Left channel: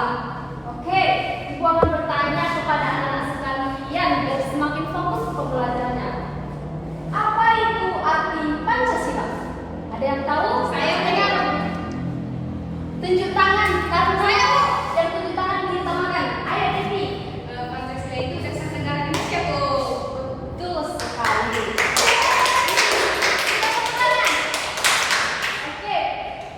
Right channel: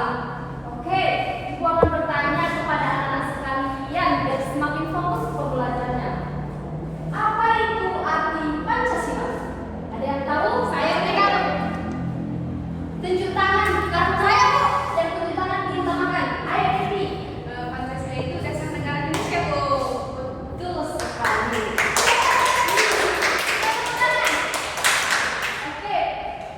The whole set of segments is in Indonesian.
Pancasila. Oke, Ibu akan bertanya kepada anak-anak sekalian biar semakin fokus pembelajarannya. Apa itu arti Pancasila? Ada yang tahu? Saya tidak. Tunjuk tangan, karena saya dan tunjuk tangan diutamakan. Ayo Devi. Pancasila itu dasar negara Indonesia, Bu. Betul sekali. Oke,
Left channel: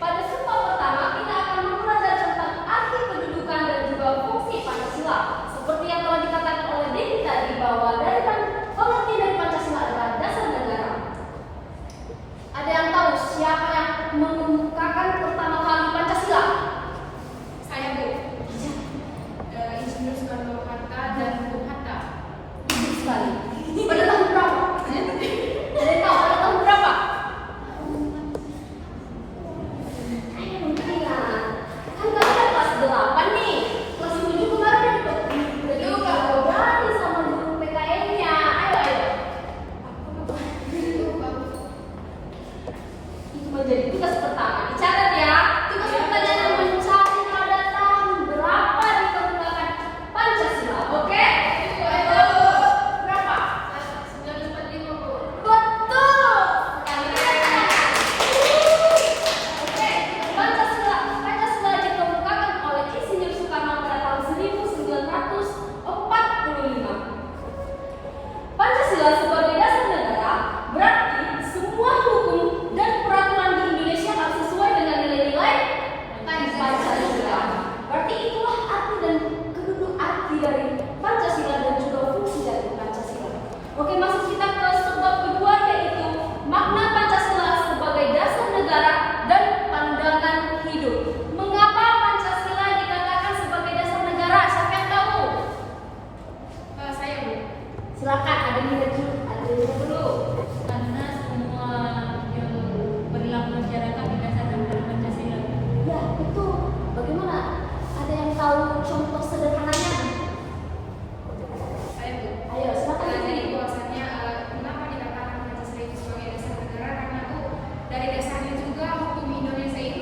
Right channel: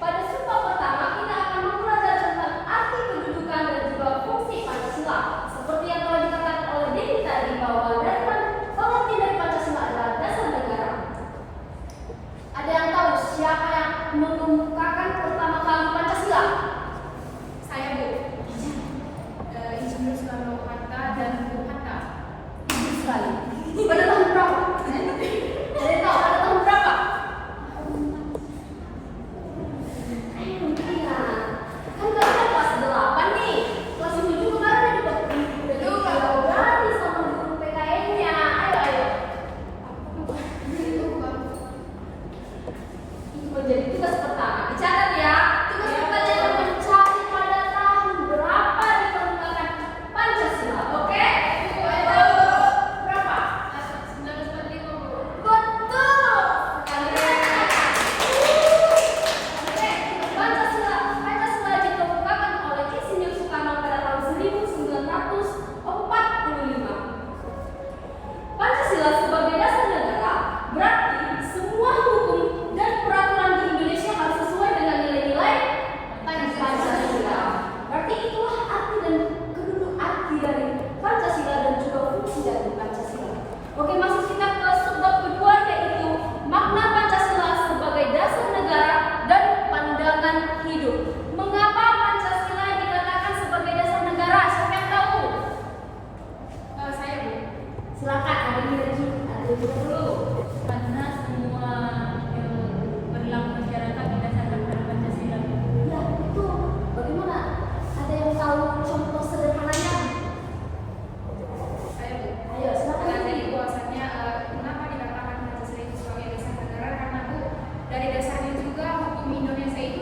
pada sumpah pertama kita akan belajar tentang arti kedudukan dan juga fungsi Pancasila. Seperti yang telah dikatakan oleh Devi tadi bahwa pengertian dari Pancasila adalah dasar negara. Ada yang tahu siapa yang mengemukakan pertama kali Pancasila? Saya, Bu. Insinyur Soekarno-Hatta dan Bung Hatta. Bagus sekali. Pada tahun berapa? Ada yang tahu pada tahun berapa? Ayo Tia, kan kalian kelas 8 nih. Kelas 7 kemarin udah berani sama guru PKN-nya. Ayo. Itu menjadi tugas pertama. Dicatat ya. Tugas pertama mencari pada tahun berapa ditemukan Pancasila. Oke? Ayo. Berapa? 1945, Bu. Betul. Oke, Pancasila dikemukakan oleh Insinyur Soekarno pada tahun 1945. Pancasila sebagai dasar negara berarti semua hukum dan peraturan di Indonesia harus sesuai dengan nilai-nilai Pancasila. Berarti itulah arti dan keduduk arti dari Pancasila dan juga fungsi dari Pancasila. Oke, masuk kita ke sebab kedua yaitu makna Pancasila sebagai dasar negara dan pandangan hidup. Mengapa Pancasila dikatakan sebagai dasar negara? Siapa yang tahu? Saya, Bu. Silakan, ada dulu. Karena semua yang berlaku masyarakat berdasarkan dari Pancasila. Ya, betul. Bagaimana? Ada yang tahu contoh sederhananya? Saya, Bu. Ayo, silakan. Jadi bahwasanya mengapa dikatakan Pancasila itu sebagai dasar negara, karena, Bu, dari dasarnya juga hukum Indonesia itu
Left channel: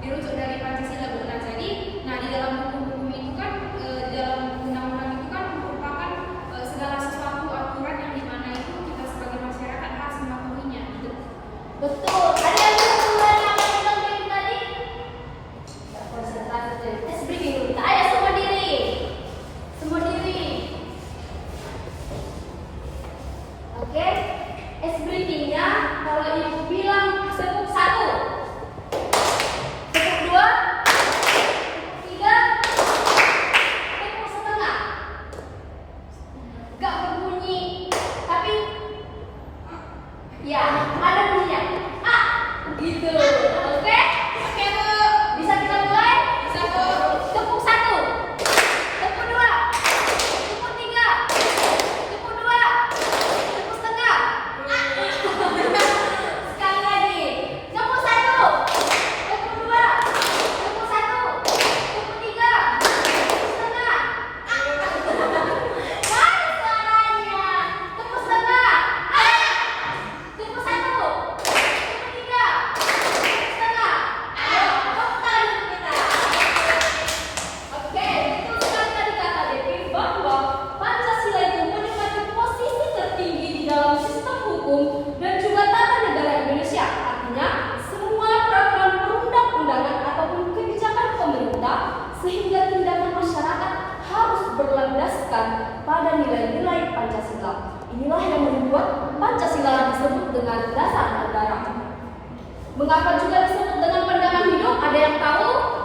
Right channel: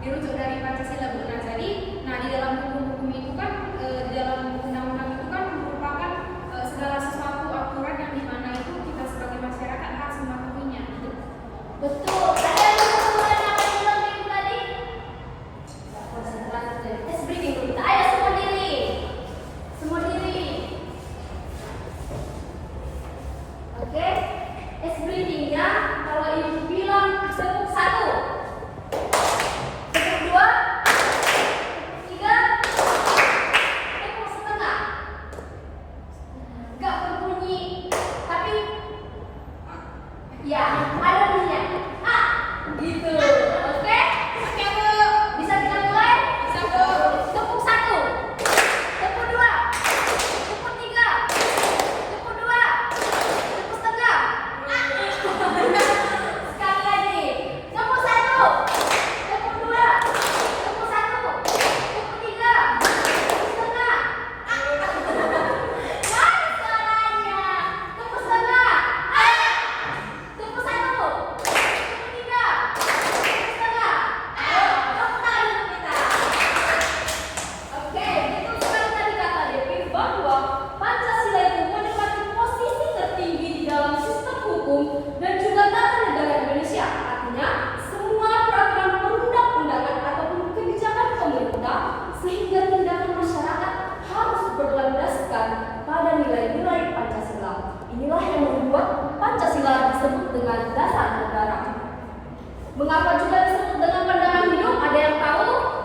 dirujuk dari Pancasila, Bu. Nah, jadi di dalam hukum-hukum itu kan di dalam undang-undang itu kan merupakan segala sesuatu aturan yang dimana itu kita sebagai masyarakat harus mematuhinya. Betul. Ada yang bisa mulai apa yang bilang Dewi tadi? Tidak konsentrasi dari tes breaking dulu. Ayo semua diri. Semua diri. Oke. Es breakingnya kalau ibu bilang tepuk 1, tepuk 2, tepuk 3, tepuk setengah. Gak berbunyi, tapi ya ada bunyinya. Gitu. Oke? Oke, Bu. Bisa kita mulai? Bisa, Bu. Tepuk 1, tepuk 2, tepuk 3, tepuk 2, tepuk setengah. Sekali lagi. Tepuk 1, tepuk 2, tepuk 1, tepuk 3, tepuk setengah. Mana suaranya? Tepuk setengah. Tepuk 1, tepuk 3, tepuk setengah. Ayo, tepuk tangan dulu kita. Oke, betul sekali tadi kata Devi bahwa Pancasila itu menempati posisi tertinggi di dalam sistem hukum dan juga tata negara Indonesia. Artinya, semua peraturan perundang-undangan ataupun kebijakan pemerintah sehingga tindakan masyarakat harus berlandaskan pada nilai-nilai Pancasila. Inilah yang membuat Pancasila disebut dengan dasar negara. Mengapa juga disebut dengan pandangan hidup? Ada yang tahu?